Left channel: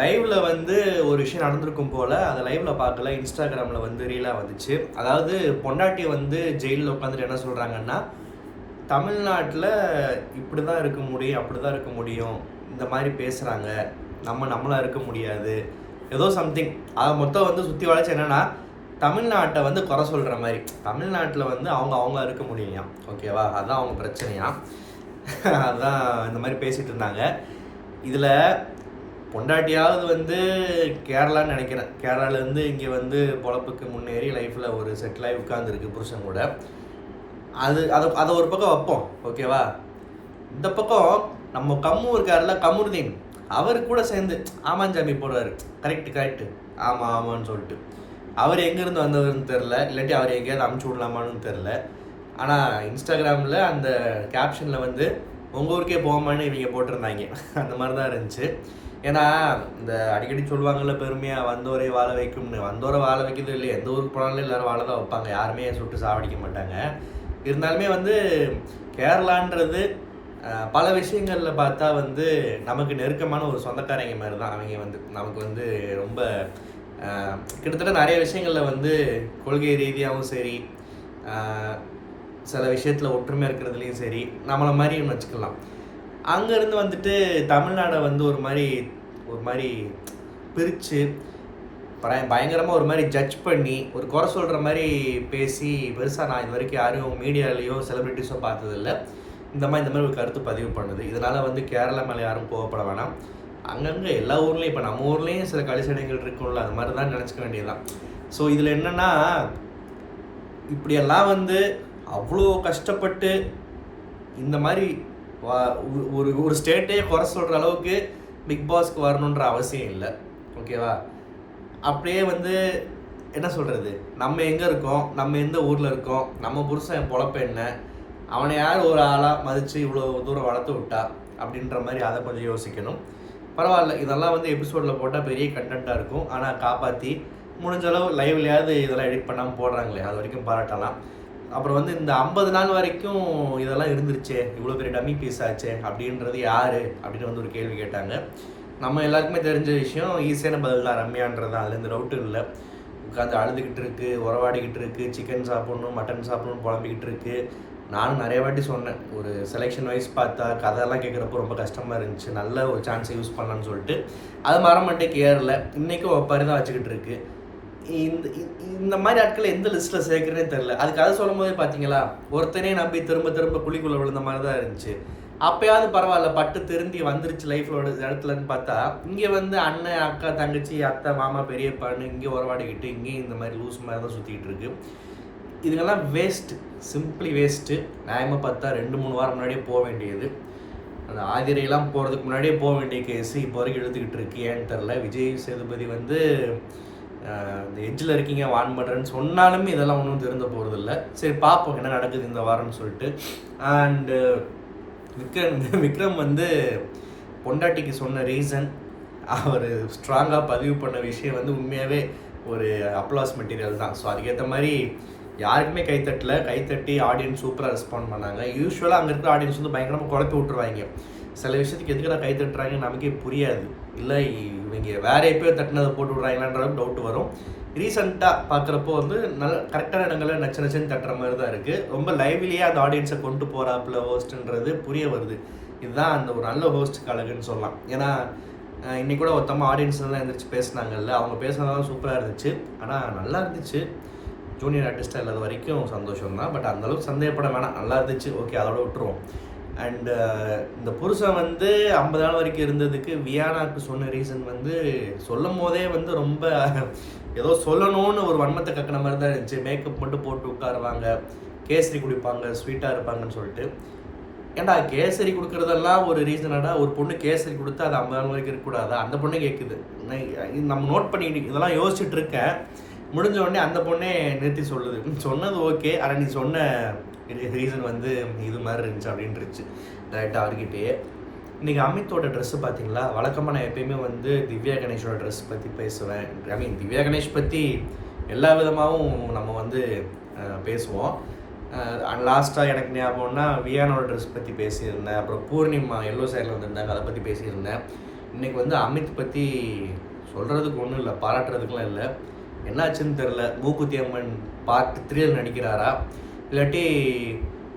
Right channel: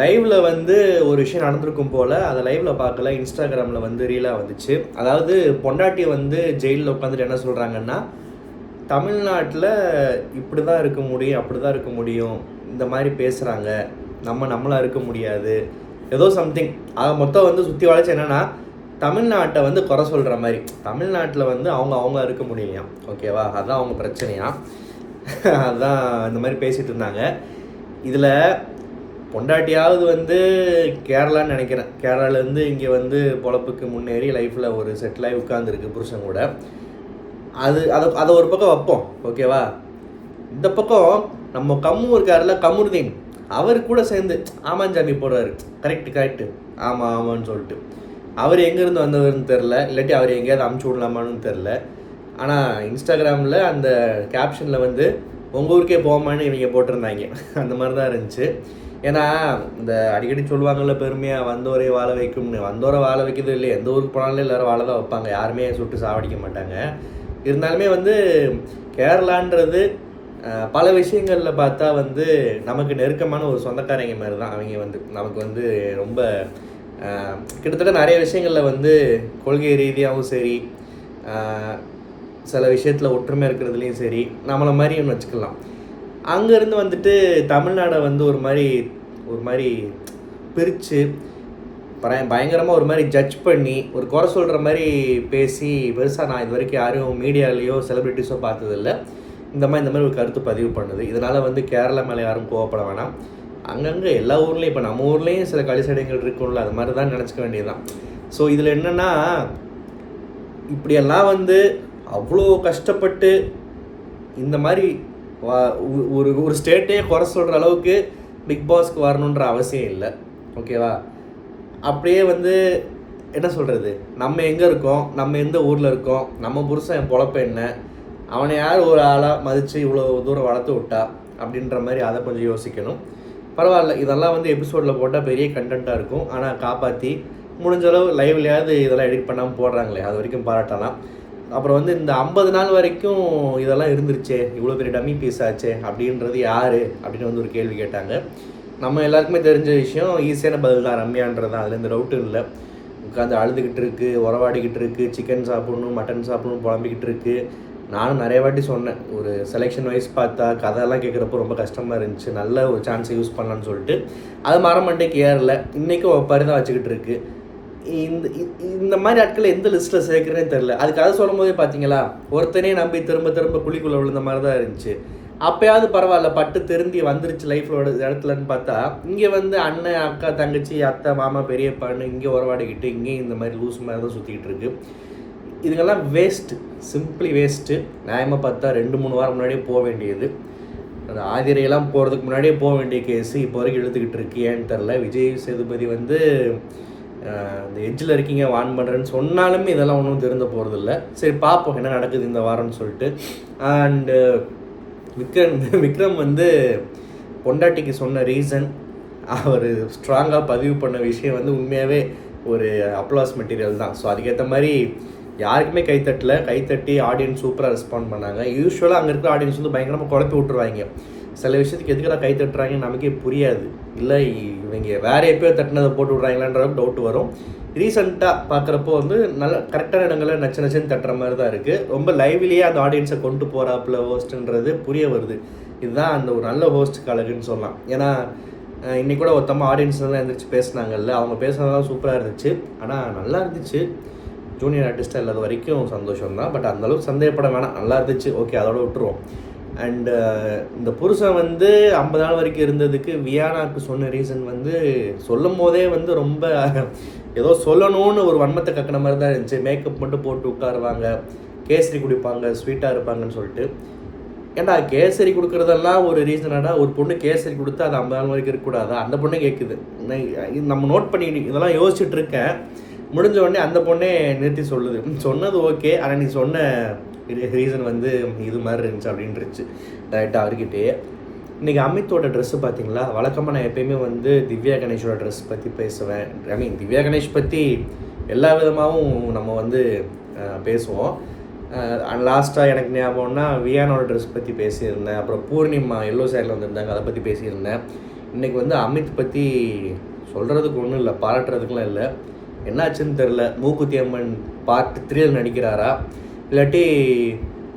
லைவ்ல வந்து ஒரு விஷயம் நடந்திருக்கும் போல் அதை லைவ்ல பார்க்கல, இன்ஸ்டாகிராமில் வந்து ரீலாக வந்துச்சு. அதாவது பொண்டாட்டி வந்து ஜெயிலில் உட்காந்துட்டு என்ன சொல்கிறாங்கன்னா, தமிழ்நாட்டில் இப்படி தான் இருக்க முடியும், அப்படி தான் இருக்க முடியும், இந்த மாதிரி பேசுகிறாங்க, நம்மளாக இருக்க முடியாது, ஏதோ சம்திங். அதை மொத்தம் வந்து சுற்றி வளைச்சு என்னென்னா, தமிழ்நாட்டை வந்து குறை சொல்கிற மாதிரி. தமிழ்நாட்டில் வந்து அவங்க இருக்க முடியலையாம், ஓகேவா? அதுதான் அவங்க பிரச்சனையாம். அதுதான் இந்த மாதிரி பேசிகிட்டு இருந்தாங்க. இதில் பொண்டாட்டியாவது வந்து கேரளான்னு நினைக்கிறேன், கேரளாலேருந்து இங்கே வந்து பொழப்புக்கு முன்னேறி லைஃப்பில் ஒரு செட்டிலாகி உட்காந்துருக்கு புருஷன் கூட. அதை ஒரு பக்கம் வைப்போம், ஓகேவா? இந்த பக்கம் நம்ம இருக்கார்ல, கமருதீன், அவர் கூட சேர்ந்து ஆமாஞ்சாமி போடுறாரு. கரெக்டு ஆமான்னு சொல்லிட்டு. அவர் எங்கேருந்து வந்தவர்னு தெரில, இல்லாட்டி அவர் எங்கேயாவது அமுச்சு விடலாமான்னு தெரில. ஆனால் இன்ஸ்டாகிராமில் அந்த கேப்ஷனில் வந்து உங்கள் ஊருக்கே போகாமான்னு இவங்க போட்டிருந்தாங்க. அந்த மாதிரி தான் இருந்துச்சு. ஏன்னா இந்த அடிக்கடி சொல்லுவாங்கள்ல பெருமையாக, வந்தோரை வாழ வைக்கும்னு. வந்தோரை வாழ வைக்கிறது இல்லை, எந்த ஊருக்கு போனாலும் எல்லோரும் வாழ தான் வைப்பாங்க, யாருமே சுட்டு சாவடிக்க மாட்டாங்க. இருந்தாலுமே வந்து கேரளான்றது பல விஷயங்களில் பார்த்தா வந்து நமக்கு நெருக்கமான ஒரு சொந்தக்காரங்க மாதிரி தான். அவங்க வந்து நமக்கு வந்து ரொம்ப கிட்டத்தட்ட நிறைய விஷயங்களில் வந்து கொள்கை ரீதியாகவும் சரி, சில விஷயத்தில் ஒற்றுமை இருக்கிறதுலையும் சரி, நம்மளை மாதிரியும் வச்சுக்கலாம். அங்கேருந்து வந்துட்டு தமிழ்நாடை வந்து ஒரு மாதிரி பிரித்து பயங்கரமாக ஒரு மாதிரி ஜட்ஜ் பண்ணி ஒரு குறை சொல்கிற மாதிரி பேசி பெருசாக நான் இது வரைக்கும் யாரும் மீடியாலேயோ செலிப்ரிட்டிஸோ பார்த்ததில்ல. இந்த மாதிரி ஒரு கருத்து பதிவு பண்ணுது. இதனால் வந்து கேரளா மேலே யாரும் கோவப்பட வேணாம். அங்கங்கே எல்லா ஊர்லேயும், இப்போ நம்ம ஊர்லேயும் சில கழிசடைகள் இருக்கும்ல, அது மாதிரி தான் நினச்சிக்க வேண்டியதுதான். ஸோ இதில் என்னென்னா, இப்படியெல்லாம் வந்து அவ்வளோ கஷ்டப்பட்டு இந்த மாதிரி ஒரு ஸ்டேட்டே குறை சொல்கிற அளவுக்கு பிக் பாஸ்க்கு வரணுன்ற அவசியம் இல்லை, ஓகேவா? அப்படியே வந்து என்ன சொல்கிறது, நம்ம எங்கே இருக்கோம், நம்ம எந்த ஊரில் இருக்கோம், நம்ம புருஷன் பொழப்பு என்ன, அவனை யார் ஒரு ஆளாக மதித்து இவ்வளோ தூரம் வளர்த்து விட்டா அப்படின்ற மாதிரி அதை கொஞ்சம் யோசிக்கணும். பரவாயில்ல, இதெல்லாம் வந்து எபிசோடில் போட்டால் பெரிய கண்டென்ட்டாக இருக்கும். ஆனால் காப்பாற்றி முடிஞ்ச அளவு லைவ்லையாவது இதெல்லாம் எடிட் பண்ணாமல் போடுறாங்களே, அது வரைக்கும் பாராட்டலாம். அப்புறம் வந்து இந்த 50 நாள் வரைக்கும் இதெல்லாம் இருந்துருச்சே, இவ்வளோ பெரிய டம்மி பீஸ் ஆச்சே அப்படின்றது யார் அப்படின்னு வந்து ஒரு கேள்வி கேட்டாங்க. நம்ம எல்லாருக்குமே தெரிஞ்ச விஷயம், ஈஸியான பதில் தான், ரம்யான்றது தான். அதுலேருந்து டவுட்டும் இல்லை. உட்காந்து அழுதுகிட்டு இருக்குது, உறவாடிக்கிட்டு இருக்குது, சிக்கன் சாப்பிட்ணும் மட்டன் சாப்பிட்ணும் புலம்பிக்கிட்டு இருக்குது. நானும் நிறைய வாட்டி சொன்னேன், ஒரு செலெக்ஷன் வைஸ் பார்த்தா கதையெல்லாம் கேட்குறப்போ ரொம்ப கஷ்டமாக இருந்துச்சு, நல்ல ஒரு சான்ஸை யூஸ் பண்ணலான்னு சொல்லிட்டு. அது மரமட்டைக்கு ஏறல, இன்றைக்கும் ஒப்பாரி தான் வச்சுக்கிட்டு இருக்கு. இந்த மாதிரி ஆட்களை எந்த லிஸ்ட்டில் சேர்க்குறேன்னு தெரில. அதுக்கு அதை சொல்லும் போதே பார்த்தீங்களா, ஒருத்தனே நம்பி திரும்ப குழிக்குள்ளே விழுந்த மாதிரி தான் இருந்துச்சு. அப்போயாவது பரவாயில்ல, பட்டு திரும்பி வந்துருச்சு லைஃப்லோட இடத்துலன்னு பார்த்தா, இங்கே வந்து அண்ணன் அக்கா தங்கச்சி அத்தை மாமா பெரியப்பான்னு இங்கே உறவாடிக்கிட்டு இங்கேயும் இந்த மாதிரி லூஸ் மாதிரி தான் சுற்றிக்கிட்டு இருக்கு. இதுங்கெல்லாம் வேஸ்ட்டு, சிம்பிளி வேஸ்ட்டு. நியாயமாக பார்த்தா 2-3 வாரம் முன்னாடியே போக வேண்டியது. அந்த ஆதிரையெல்லாம் போகிறதுக்கு முன்னாடியே போக வேண்டிய கேஸு இப்போ வரைக்கும் இழுத்துக்கிட்டு இருக்கு. ஏன்னு தெரில. விஜய் சேதுபதி வந்து இந்த எட்ஜில் இருக்கீங்க, வான் பண்ணுறேன்னு சொன்னாலுமே இதெல்லாம் ஒன்றும் திருந்த போகிறதில்ல. சரி பார்ப்போம் என்ன நடக்குது இந்த வாரம்னு சொல்லிட்டு. அண்டு விக்ரம் வந்து பொண்டாட்டிக்கு சொன்ன ரீசன், அவர் ஸ்ட்ராங்காக பதிவு பண்ண விஷயம் வந்து உண்மையாகவே ஒரு அப்ளாஸ் மெட்டீரியல் தான். ஸோ அதுக்கேற்ற மாதிரி யாருக்குமே கைத்தட்டி ஆடியன்ஸ் சூப்பராக ரெஸ்பாண்ட் பண்ணாங்க. யூஸ்வலாக அங்கே இருக்கிற ஆடியன்ஸ் வந்து பயங்கரமாக குழப்பி விட்டுருவாங்க. சில விஷயத்துக்கு எதுக்கெல்லாம் தட்டுறாங்கன்னு நமக்கே புரியாது. இல்லை இவங்க வேறு எப்போயோ தட்டினதை போட்டு விட்றாங்களான்ற டவுட் வரும். ரீசெண்டாக பார்க்குறப்போ வந்து நல்ல கரெக்டான இடங்களில் நச்சுன்னு தட்டுற மாதிரி தான் இருக்குது. ரொம்ப லைவ்லேயே அந்த ஆடியன்ஸை கொண்டு போகிறாப்புல ஹோஸ்ட்டுன்றது புரிய வருது. இதுதான் அந்த ஒரு நல்ல ஹோஸ்ட் கழகுன்னு சொல்லலாம். ஏன்னா இன்றைக்கி கூட ஒருத்தமாக ஆடியன்ஸ்லாம் எழுந்திரிச்சு பேசினாங்கல்ல, அவங்க பேசுனதெல்லாம் சூப்பராக இருந்துச்சு. ஆனால் நல்லா இருந்துச்சு. ஜூனியர் ஆர்டிஸ்ட்டாக இல்லாத வரைக்கும் சந்தோஷம் தான். பட் அந்தளவுக்கு சந்தேகப்பட வேணாம், நல்லா இருந்துச்சு, ஓகே, அதோட விட்டுருவோம். அண்டு இந்த புருஷன் வந்து 50 நாள் வரைக்கும் இருந்ததுக்கு வியானாவுக்கு சொன்ன ரீசன் வந்து சொல்லும் போதே வந்து ரொம்ப ஏதோ சொல்லணும்னு ஒரு வன்மத்தை கக்கின மாதிரி தான் இருந்துச்சு. மேக்கப் மட்டும் போட்டு உட்காருவாங்க, கேசரி குடிப்பாங்க, ஸ்வீட்டாக இருப்பாங்கன்னு சொல்லிட்டு. ஏன்டா கேசரி கொடுக்குறதெல்லாம் ஒரு ரீசனாடா? ஒரு பொண்ணு கேசரி கொடுத்தா அது 50 நாள் வரைக்கும் இருக்கக்கூடாதா? அந்த பொண்ணே கேட்குது. நம்ம நோட் பண்ணிக்கிட்டு இதெல்லாம் யோசிச்சுட்டு இருக்கேன். முடிஞ்ச உடனே அந்த பொண்ணே நிறுத்தி சொல்லுது, சொன்னது ஓகே, ஆனால் நீ சொன்ன ரீசன் வந்து இது மாதிரி இருந்துச்சு அப்படின்ட்டுருச்சு டேரெக்டாக அவர்கிட்டயே. இன்றைக்கி அமித்தோட ட்ரெஸ்ஸு பார்த்தீங்களா? வழக்கமாக நான் எப்போயுமே வந்து திவ்யா கணேஷோட ட்ரெஸ் பற்றி பேசுவேன். திவ்யா கணேஷ் பற்றி எல்லா விதமாகவும் நம்ம வந்து பேசுவோம். லாஸ்ட்டாக எனக்கு ஞாபகம்னா வியானோட ட்ரெஸ் பற்றி பேசியிருந்தேன். அப்புறம் பூர்ணிமா எல்லோ சைடில் வந்திருந்தாங்க, அதை பற்றி பேசியிருந்தேன். இன்றைக்கி வந்து அமித் பற்றி சொல்கிறதுக்கு ஒன்றும் இல்லை, பாராட்டுறதுக்குலாம் இல்லை. என்னாச்சுன்னு தெரில. மூக்குத்தி அம்மன் பார்ட் 3 நடிக்கிறாரா, இல்லாட்டி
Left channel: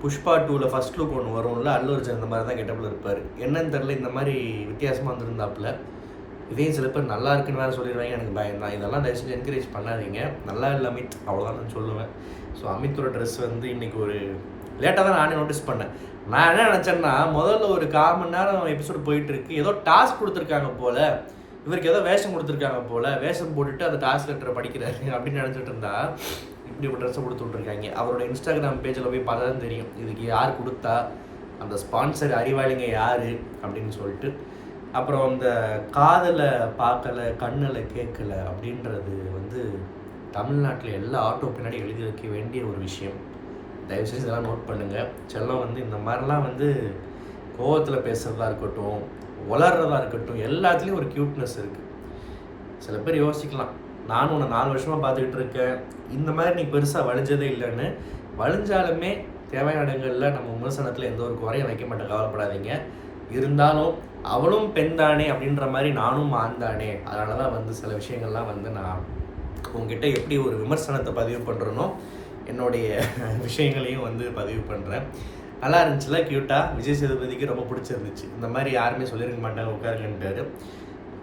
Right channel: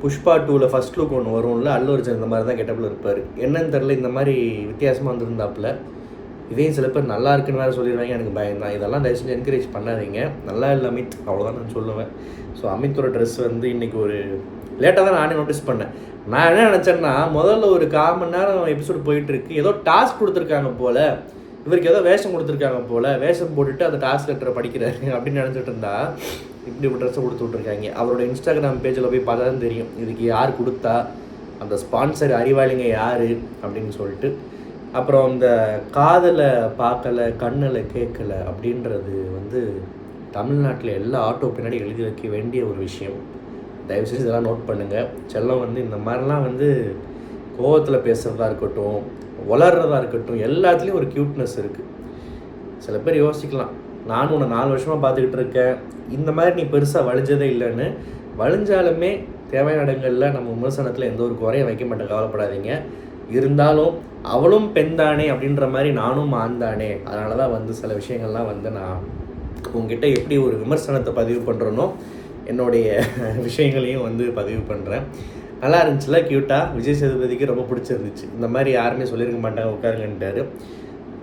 புஷ்பா 2ல் ஃபஸ்ட் லுக் ஒன்று வரும்ல, அல்லு அர்ஜுன் இந்த மாதிரி தான் கெட்டப்பில் இருப்பார். என்னன்னு தெரில, இந்த மாதிரி வித்தியாசமாக வந்துருந்தாப்புல. இதையும் சில பேர் நல்லா இருக்குன்னு வேறு சொல்லிடுவாங்க. எனக்கு பயம் தான். இதெல்லாம் தயவுசெய்து என்கரேஜ் பண்ணாதீங்க. நல்லா இல்லை அமித், அவ்வளோதான் நான் சொல்லுவேன். ஸோ அமித்தோட ட்ரெஸ் வந்து இன்றைக்கி ஒரு லேட்டாக தான் நானே நோட்டீஸ் பண்ணேன். நான் என்ன நினச்சேன்னா, முதல்ல ஒரு 1/4 மணி நேரம் எபிசோடு போயிட்டுருக்கு, ஏதோ டாஸ்க் கொடுத்துருக்காங்க போல், இவருக்கு ஏதோ வேஷம் கொடுத்துருக்காங்க போல், வேஷம் போட்டுட்டு அந்த டாஸ்க் லெட்டரை படிக்கிறாரு அப்படின்னு நினச்சிட்டு இருந்தா இப்படி ஒரு ட்ரெஸ்ஸை கொடுத்து விட்ருக்காங்க. அவரோட இன்ஸ்டாகிராம் பேஜில் போய் பார்த்தா தான் தெரியும் இதுக்கு யார் கொடுத்தா, அந்த ஸ்பான்சர் அறிவாளிங்க யார் அப்படின்னு சொல்லிட்டு. அப்புறம் அந்த காதலை பார்க்கலை, கண்ணில் கேட்கலை அப்படின்றது வந்து தமிழ்நாட்டில் எல்லா ஆட்டோ பின்னாடி எழுதி வைக்க வேண்டிய ஒரு விஷயம். தயவுசெய்து இதெல்லாம் நோட் பண்ணுங்கள். செல்லம் வந்து இந்த மாதிரிலாம் வந்து கோவத்தில் பேசுகிறதா இருக்கட்டும், வளர்கிறதா இருக்கட்டும், எல்லாத்துலேயும் ஒரு க்யூட்னஸ் இருக்குது. சில பேர் யோசிக்கலாம், நானும் உன்னை 4 வருஷமாக பார்த்துக்கிட்டு இருக்கேன், இந்த மாதிரி நீ பெருசாக வலிஞ்சதே இல்லைன்னு. வலிஞ்சாலுமே தேவையான இடங்களில் நம்ம விமர்சனத்தில் எந்த ஒரு குறையும் வைக்க மாட்டேன், கவலைப்படாதீங்க. இருந்தாலும் அவளும் பெண் தானே அப்படின்ற மாதிரி நானும் ஆண் தானே. அதனால தான் வந்து சில விஷயங்கள்லாம் வந்து நான் உங்ககிட்ட எப்படி ஒரு விமர்சனத்தை பதிவு பண்ணுறனோ, என்னுடைய விஷயங்களையும் வந்து பதிவு பண்ணுறேன். நல்லா இருந்துச்சுல, க்யூட்டாக. விஜய் சேதுபதிக்கு ரொம்ப பிடிச்சிருந்துச்சு. இந்த மாதிரி யாருமே சொல்லியிருக்க மாட்டாங்க, உட்காருங்கன்ட்டாரு.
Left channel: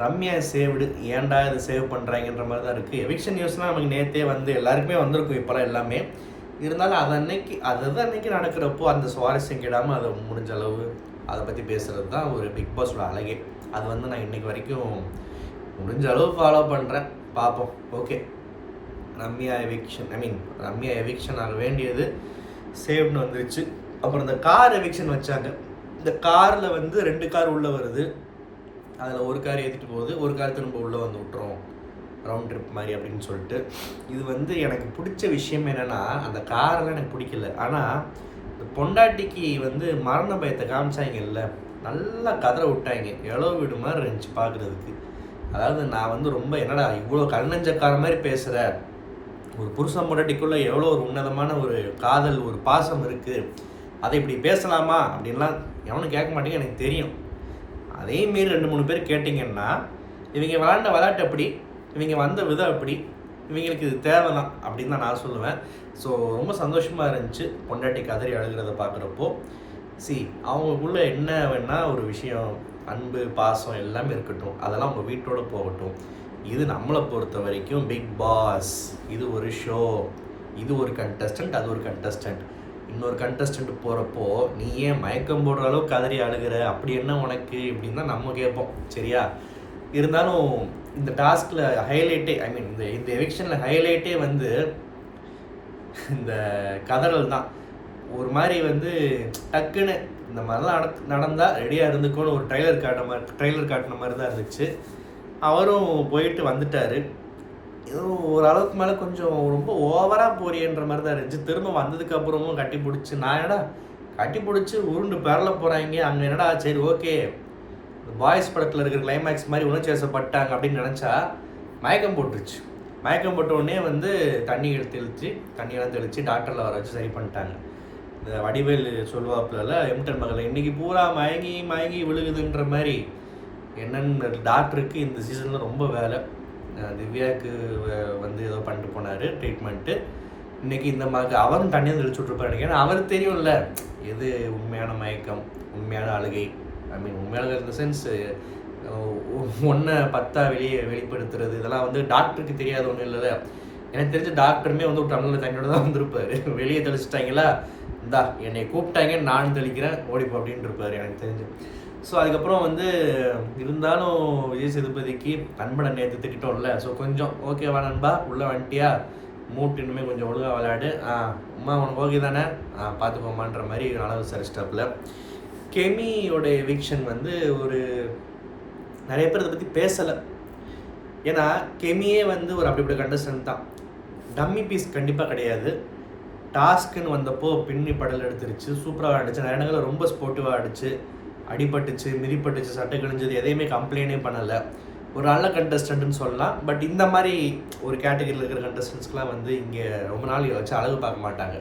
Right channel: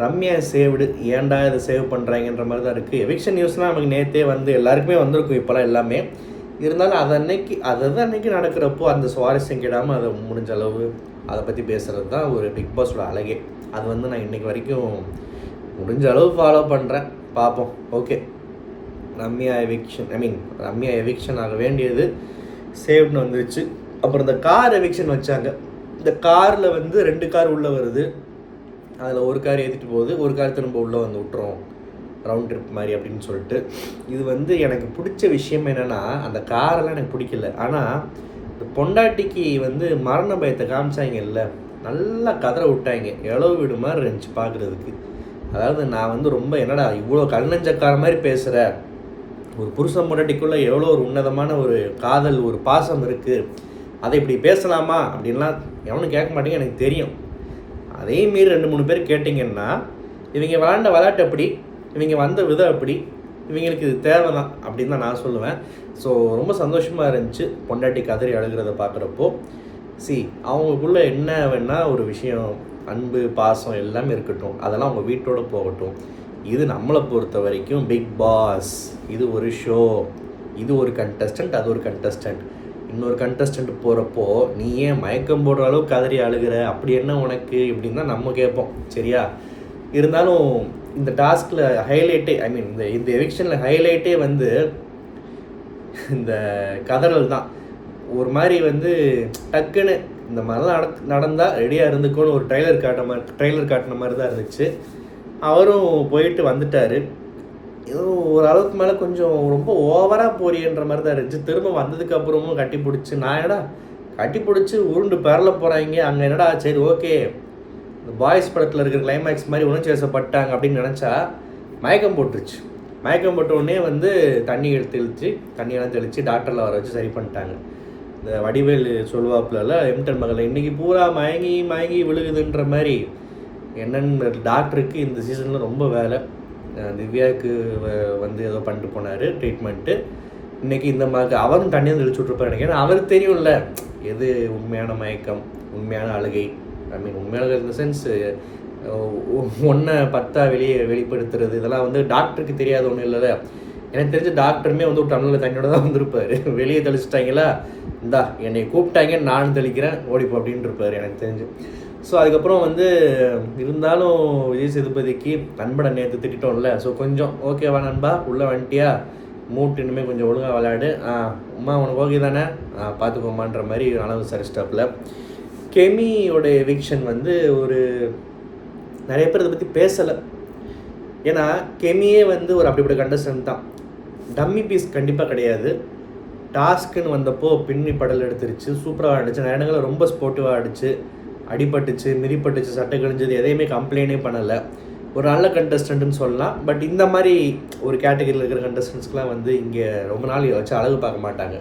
ரம்யா சேவ்டு, ஏன்டா இது சேவ் பண்ணுறாங்கன்ற மாதிரி தான் இருக்குது. எவிக்ஷன் நியூஸ்லாம் நமக்கு நேற்றே வந்து எல்லாருக்குமே வந்திருக்கும் இப்போலாம் எல்லாமே. இருந்தாலும் அன்னைக்கு நடக்கிறப்போ அந்த சுவாரஸ்யம் கெடாமல் அதை முடிஞ்ச அளவு அதை பற்றி பேசுகிறது தான் ஒரு பிக் பாஸோட அழகே. அது வந்து நான் இன்றைக்கி வரைக்கும் முடிஞ்ச அளவு ஃபாலோ பண்ணுறேன். பார்ப்போம். ஓகே, ரம்யா எவிக்ஷன் ஆக வேண்டியது சேவ்னு வந்துருச்சு. அப்புறம் இந்த கார் எவிக்ஷன் வச்சாங்க. இந்த காரில் வந்து 2 கார் உள்ளே வருது, அதில் ஒரு கார் ஏற்றிட்டு போகுது, ஒரு கார் திரும்ப உள்ளே வந்து விட்டுரும், ரவுண்ட் ட்ரிப் மாதிரி அப்படின்னு சொல்லிட்டு. இது வந்து எனக்கு பிடிச்ச விஷயம் என்னென்னா, அந்த காரெல்லாம் எனக்கு பிடிக்கல. ஆனால் இந்த பொண்டாட்டிக்கு வந்து மரண பயத்தை காமிச்சாங்க இல்லை, நல்லா கதற விட்டாங்க. இளவு வீடு மாதிரி இருந்துச்சு பார்க்குறதுக்கு. அதாவது நான் வந்து ரொம்ப என்னடா இவ்வளோ கல்நெஞ்சக்கார மாதிரி பேசுகிற, ஒரு புருஷன் பொண்டாட்டிக்குள்ளே எவ்வளோ ஒரு உன்னதமான ஒரு காதல், ஒரு பாசம் இருக்குது, அதை இப்படி பேசலாமா அப்படின்லாம் எவனும் கேட்க மாட்டேங்க, எனக்கு தெரியும். அதே மீறி 2-3 பேர் கேட்டிங்கன்னா, இவங்க விளாண்ட விளையாட்டு அப்படி, இவங்க வந்த விதம் அப்படி, இவங்களுக்கு இது தேவை தான் அப்படின்னு தான் நான் சொல்லுவேன். ஸோ ரொம்ப சந்தோஷமாக இருந்துச்சு பொண்டாட்டி கதறி அழுகிறத பார்க்குறப்போ. அவங்களுக்குள்ளே என்ன வேணால் ஒரு விஷயம், அன்பு பாசம் எல்லாமே இருக்கட்டும், அதெல்லாம் அவங்க வீட்டோடு போகட்டும். இது நம்மளை பொறுத்த வரைக்கும் பிக் பாஸ், இது ஒரு ஷோ, இது ஒரு கண்டஸ்டன்ட், அது ஒரு கண்டஸ்டன்ட். இன்னொரு கண்டஸ்டன்ட் போகிறப்போ நீ ஏன் மயக்கம் போடுற அளவுக்கு கதறி அழுகிற, அப்படி என்ன உனக்கு இப்படின்னு தான் நம்ம கேட்போம், சரியா? இருந்தாலும் இந்த டாஸ்கில் ஹைலைட்டே, இந்த எவிக்ஷனில் ஹைலைட்டே வந்து இந்த கதறல் தான். ஒரு மாதிரி வந்து டக்குன்னு இந்த மாதிரிலாம் நடந்தால் ரெடியாக இருந்துக்கோன்னு ஒரு ட்ரைலர் காட்டின மாதிரி தான் இருந்துச்சு. அவரும் போயிட்டு வந்துட்டார். ஏதோ ஒரு அளவுக்கு மேலே கொஞ்சம் ரொம்ப ஓவராக போறியன்ற மாதிரி தான் இருந்துச்சு. திரும்ப வந்ததுக்கப்புறமும் கட்டி பிடிச்சி, நான் என்னடா கட்டி பிடிச்சி உருண்டு பெறல போகிறாங்க, அங்கே என்னடா சரி ஓகே இந்த பாய்ஸ் படத்தில் இருக்கிற கிளைமேக்ஸ் மாதிரி உணர்ச்சி வசப்பட்டாங்க அப்படின்னு நினச்சா மயக்கம் போட்டுருச்சு. மயக்கம் போட்ட உடனே வந்து தண்ணியெல்லாம் தெளித்து டாக்டரில் வர வச்சு சரி பண்ணிட்டாங்க. இந்த வடிவேல் சொல்லுவாப்புல எம்டன் மகளில் இன்றைக்கி பூரா மயங்கி விழுகுதுன்ற மாதிரி. என்னென்னு டாக்டருக்கு இந்த சீசனில் ரொம்ப வேலை. திவ்யாவுக்கு வந்து ஏதோ பண்ணிட்டு போனார் ட்ரீட்மெண்ட்டு. இன்றைக்கி இந்த மாதிரி அவரும் தண்ணியாக தெளிச்சு விட்ருப்பாரு நினைக்கிறேன். அவருக்கு தெரியும்ல எது உண்மையான மயக்கம், உண்மையான அழுகை. உண்மையான இந்த சென்ஸ் ஒன்றை 10 வெளிப்படுத்துறது, இதெல்லாம் வந்து டாக்டருக்கு தெரியாத ஒன்றும் இல்லை. எனக்கு தெரிஞ்ச டாக்டருமே வந்து ஒரு டம்ளரில் தண்ணியோட தான் வந்திருப்பார். வெளியே தெளிச்சிட்டாங்களா, இந்தா என்னை கூப்பிட்டாங்க நானும் தெளிக்கிறேன் ஓடிப்போ அப்படின்ட்டு இருப்பார் எனக்கு தெரிஞ்சு. ஸோ அதுக்கப்புறம் வந்து இருந்தாலும் விஜய் சேதுபதிக்கு நண்பனை நேற்று திட்டோம்ல, ஸோ கொஞ்சம் ஓகேவா நண்பா, உள்ளே வந்துட்டியா, மூட்டு இனிமேல் கொஞ்சம் ஒழுங்காக விளையாடு, உமா உனக்கு ஓகே தானே, பார்த்துக்கோமான்ற மாதிரி நல்லா விசாரிச்சிட்டாப்புல. கெமியோட எவிக்ஷன் வந்து ஒரு நிறைய பேர் இதை பற்றி பேசலை. ஏன்னா கெமியே வந்து ஒரு அப்படிப்பட்ட கண்டஸ்டன்ட் தான், டம்மி பீஸ் கண்டிப்பாக கிடையாது. டாஸ்க்குன்னு வந்தப்போ பின்னி படல் எடுத்துருச்சு, சூப்பராக ஆடிச்சு, நிறைய இடங்களில் ரொம்ப ஸ்போர்ட்டிவாக ஆடிச்சு, அடிபட்டுச்சு, மிதிப்பட்டுச்சு, சட்டை கிழிஞ்சது, எதையுமே கம்ப்ளைண்டே பண்ணலை. ஒரு நல்ல கண்டஸ்டன்ட்னு சொல்லலாம். பட் இந்த மாதிரி ஒரு கேட்டகரியில் இருக்கிற கண்டஸ்டன்ஸ்க்கெலாம் வந்து இங்கே ரொம்ப நாள் வச்சு அழகு பார்க்க மாட்டாங்க.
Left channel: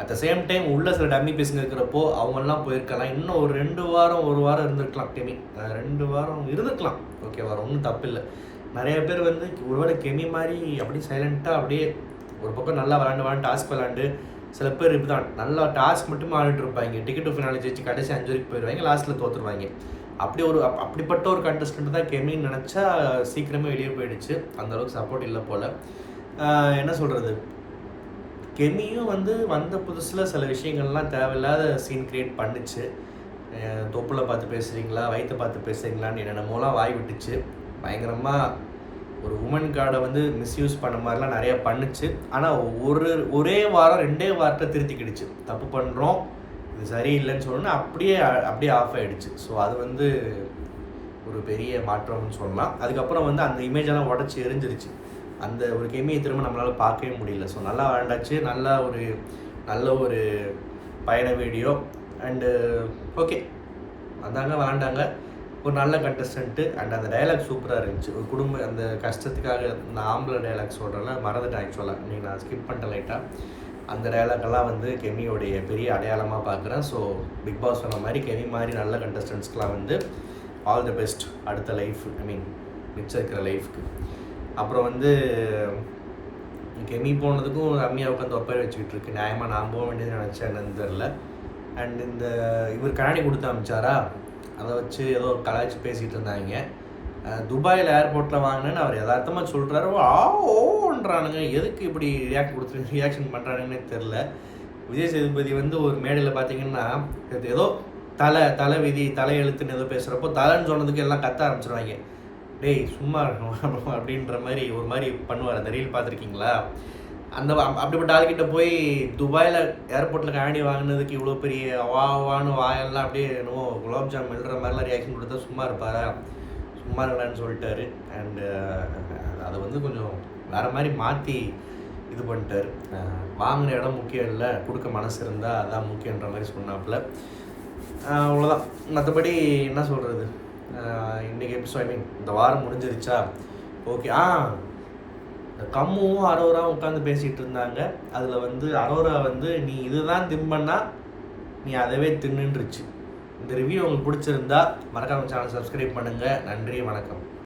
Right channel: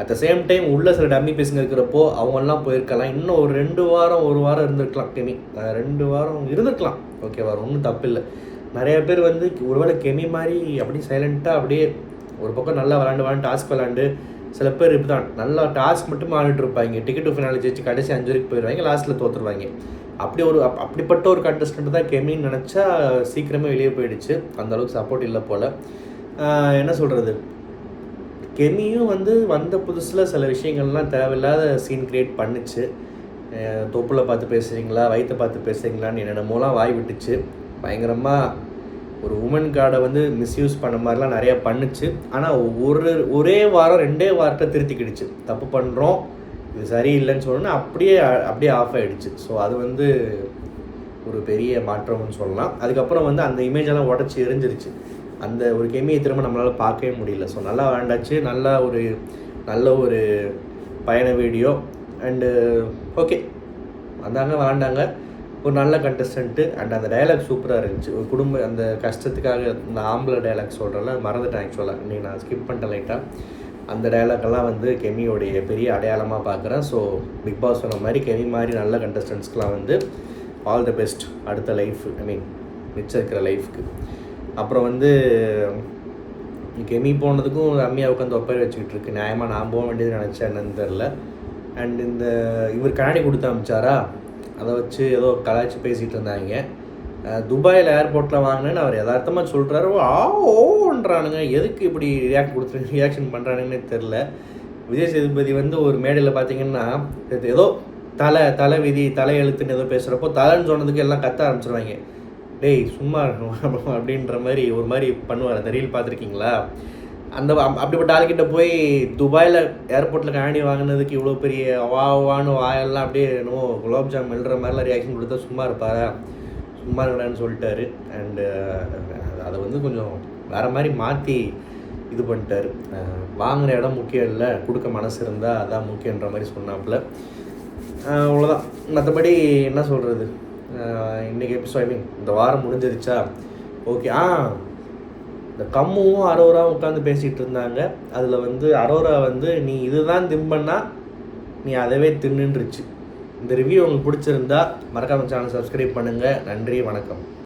அட் த சேம் டைம் உள்ள சில டம்மி பீஸுங்க இருக்கிறப்போ அவங்கெல்லாம் போயிருக்கலாம். இன்னும் ஒரு 2 வாரம் 1 வாரம் இருந்திருக்கலாம் கெமி. 2 வாரம் இருந்திருக்கலாம். ஓகேவா, ஒன்றும் தப்பு இல்லை. நிறைய பேர் வந்து ஒருவேளை கெமி மாதிரி அப்படியே சைலண்ட்டாக அப்படியே ஒரு பக்கம் நல்லா விளாண்டு டாஸ்க் விளாண்டு, சில பேர் இப்படி தான் நல்லா டாஸ்க் மட்டும் ஆடிட்டு இருப்பாங்க. டிக்கெட் டு ஃபினாலே ஜெயிச்சு கடைசி 5 வரைக்கும் போயிடுவாங்க, லாஸ்ட்டில் தோற்றுருவாங்க. அப்படிப்பட்ட ஒரு கண்டஸ்டன்ட் தான் கெமின்னு நினச்சா சீக்கிரமே வெளியே போயிடுச்சு. அந்தளவுக்கு சப்போர்ட் இல்லை போல். என்ன சொல்கிறது, கெமியும் வந்து வந்த புதுசில் சில விஷயங்கள்லாம் தேவையில்லாத சீன் க்ரியேட் பண்ணிச்சு. தொப்புளை பார்த்து பேசுகிறீங்களா, வயிற்றை பார்த்து பேசுகிறீங்களான்னு என்னென்னமோலாம் வாய் விட்டுச்சு. பயங்கரமாக ஒரு உமன் கார்டை வந்து மிஸ்யூஸ் பண்ண மாதிரிலாம் நிறையா பண்ணுச்சு. ஆனால் ஒரே வாரம் 2 வாரத்தை திருத்திக்கிடுச்சு. தப்பு பண்ணுறோம், இது சரியில்லைன்னு சொன்னோன்னா அப்படியே ஆஃப் ஆகிடுச்சு. ஸோ அது வந்து ஒரு பெரிய மாற்றம்னு சொல்லலாம். அதுக்கப்புறம் வந்து அந்த இமேஜெல்லாம் உடச்சி எரிஞ்சிருச்சு. அந்த ஒரு கெமியை திரும்ப நம்மளால் பார்க்கவே முடியல. ஸோ நல்லா விளையாண்டாச்சு. நல்ல ஒரு பயண வீடியோ அண்டு ஓகே வந்தாங்க, விளாண்டாங்க. ஒரு நல்ல கண்டஸ்டன்ட்டு அண்ட் அந்த டைலாக் சூப்பராக இருந்துச்சு. ஒரு அந்த கஷ்டத்துக்காக இந்த ஆம்பளை டைலாக் சொல்கிறேன்ல, மறந்துட்டேன் ஆக்சுவலாக. இன்றைக்கி நான் ஸ்கிப் பண்ணிட்டேன் லைட்டாக. அந்த டைலாக்கெல்லாம் வந்து கெமியோடைய பெரிய அடையாளமாக பார்க்குறேன். ஸோ பிக் பாஸ் சொன்ன மாதிரி கெமி மாதிரி நல்ல கண்டஸ்டன்ட்ஸ்க்கெலாம் வந்து ஆல் தி பெஸ்ட் அடுத்த லைஃப், மிச்சம் இருக்கிற லைஃப்க்கு. அப்புறம் வந்து கெமி போனதுக்கும் ரம்யா உட்காந்து ஒப்பேர் வச்சுக்கிட்டு இருக்கு. நியாயமாக நான் போக வேண்டியது நினச்சேன், என்னன்னு தெரில. அண்ட் இந்த இவர் கண்ணாடி கொடுத்து அமிச்சாரா, அதை வச்சு ஏதோ கலாய்ச்சி பேசிகிட்டு இருந்தாங்க. துபாயில் ஏர்போர்ட்டில் வாங்கினேன்னு அவர் யதார்த்தமாக சொல்கிறாரு. ஓன்றானுங்க. எதுக்கு இப்படி ரியாக்ஷன் பண்ணுறானுங்கன்னே தெரில. விஜய் சேதுபதி வந்து ஒரு மேடையில் பார்த்தீங்கன்னா ஏதோ தலை விதி தலை எழுத்துன்னு ஏதோ பேசுகிறப்போ தலைன்னு சொன்னதுக்கு எல்லாம் கத்த ஆரம்பிச்சிருவாங்க. டேய் சும்மா அப்படின்ற மாதிரி ஒரு மாதிரி பண்ணுவார். அந்த ரீல் பார்த்துருக்கீங்களா? அப்படிப்பட்ட ஆள்கிட்ட போய் துபாயில் ஏர்போர்ட்டில் கண்ணாடி வாங்கினதுக்கு இவ்வளோ பெரிய வான்னு வாயெல்லாம் அப்படியே என்னமோ குலாப்ஜாம் எழுற மாதிரிலாம் ரியாக்ஷன் கொடுத்தா சும்மா இருப்பாரா? சும்மா இருக்கலான்னு சொல்லிட்டாரு. அண்டு அதை வந்து கொஞ்சம் வேறு மாதிரி மாற்றி இது பண்ணிட்டார். வாங்கின இடம் முக்கியம் இல்லை, கொடுக்க மனசு இருந்தால் அதான் முக்கியன்ற மாதிரி சொன்னாப்புல. அவ்வளோதான். மற்றபடி என்ன சொல்கிறது, இன்றைக்கி எபிசோட் இந்த வாரம் முடிஞ்சிருச்சா? ஓகே. இந்த கம்முவும் அரோராவும் உட்காந்து பேசிகிட்டு இருந்தாங்க. அதில் வந்து அரோரா வந்து நீ இதுதான் திம்பன்னா நீ அதவே தின்னுன்றுச்சு. இந்த ரிவ்யூ உங்களுக்கு பிடிச்சிருந்தா மறக்காம சேனல் சப்ஸ்கிரைப் பண்ணுங்கள். நன்றி, வணக்கம்.